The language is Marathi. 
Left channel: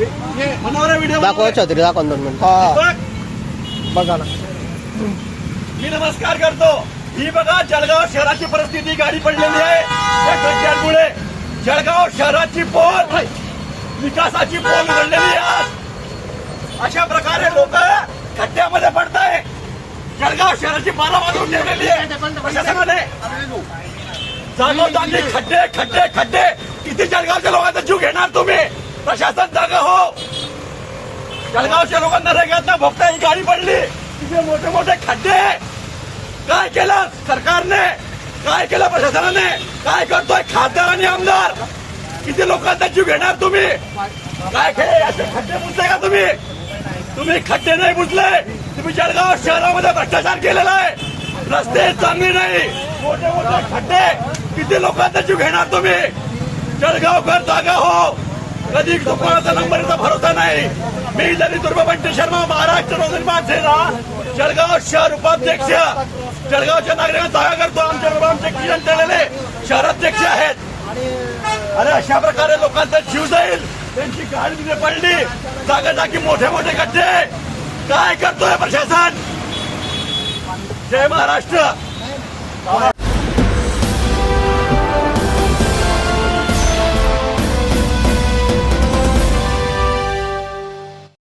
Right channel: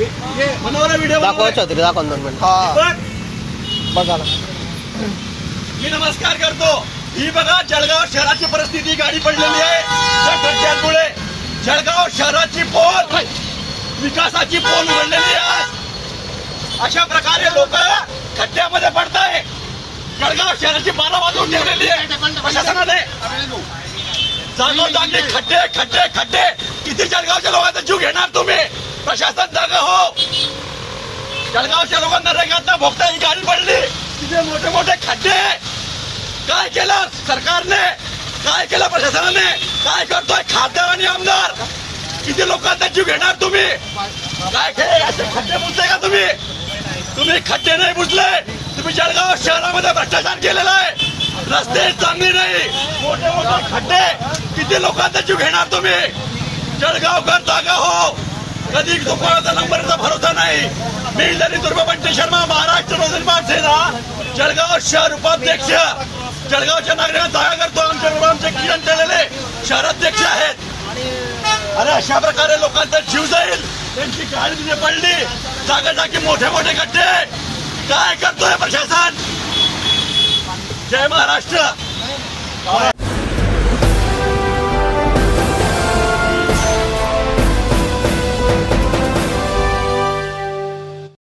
दाखवा छत्री दाखवा दोन मिनिट. हा. बघ, ना. मी नमस्कार करतो. ही बघा जळगाव शहराची परिस्थिती गाडी पडलेली आहे. त्या खड्ड्यांमुळे जळगाव शहराची पोल विकासाची पोल उघडलेली आहे. आज अशा प्रकारे लोक खड्ड्यामध्ये पडताय. जळगाव शहराची बारा वाजवून ठेवलेली आहे. प्रशासनाने जागोजागी खड्डे खड्डे खड्डे. किती जळगावच्या लोकांचा जीव घेणार तुम्ही? प्रशासन जागा हो. जळगावच्या लोकांना रेगात भोगता ही गाडी पडली. तिथे मोठे मोठे खड्डे. काय केलं सरकारने? काय केलं प्रशासनाने? काय करतोय खासदार आणि आमदार? किती लोकांचा जीव घेणार तुम्ही? काय खेळ असे खड्डे बुजले का तुम्ही? तुम्ही खड्डे नाही बुजले. तुम्ही जळगाव शहरामध्ये भ्रष्टाचार केलेला आहे. रस्ते चांगले नाही. मोठे मोठे खड्डे. किती लोकांचा जीव घेणार तुम्ही? जळगावकर जागा हो. कधी दुपाराचा नंबरचा भरोसा नाही. मी जरी दुर्गाबंटी शर्मा महाराष्ट्र नवनिर्माण सेना जळगाव शहर उपाध्यक्ष. जळगावच्या नागरिकांना जागा करतो. आमच्या आमचे किरण केलेले शहराध्यक्ष आहेत. अरे अशा प्रकारे लोकांचा जीव जाईल. त्यांची गाडी तिथे पडली. जागा जागी मोठे मोठे गड्डे काय करतोय प्रशासन? जय महाराष्ट्र.